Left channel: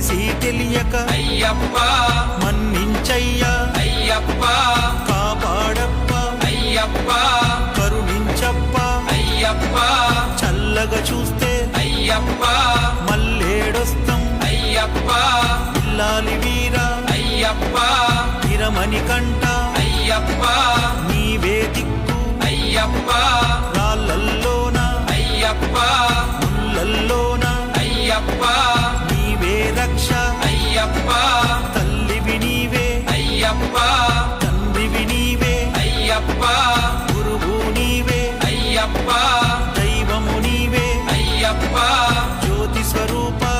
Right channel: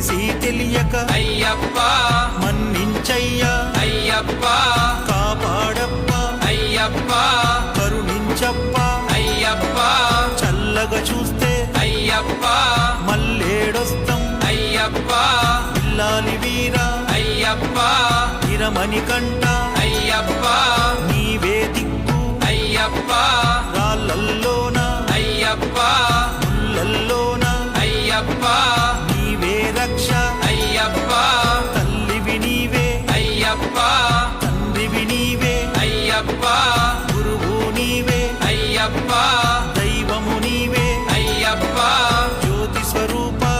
తెలిసి తెలియక అయ్యప్ప. మన్నించయ్యా. అయ్యప్ప. కాపాడప్ప. అయ్యప్ప. కరుణించప్ప. అయ్యప్ప. చల్లగా చూస్తే అయ్యప్ప. మల్లేడొస్తం. అయ్యప్ప. పిల్లాలి వీరా. అయ్యప్ప. ఇరమణి కంట. అయ్యప్ప. నీవే దిక్కు. అయ్యప్ప. రాళ్ళల్లోన. అయ్యప్ప. ముళ్ళల్లోన. అయ్యప్ప. నీవే రక్ష. అయ్యప్ప. తల్లివి నీవే. అయ్యప్ప. తండ్రివి నీవే. అయ్యప్ప. గురువు నీవే. అయ్యప్ప. దైవము నీవే. అయ్యప్ప. జ్యోతి స్వరూపా.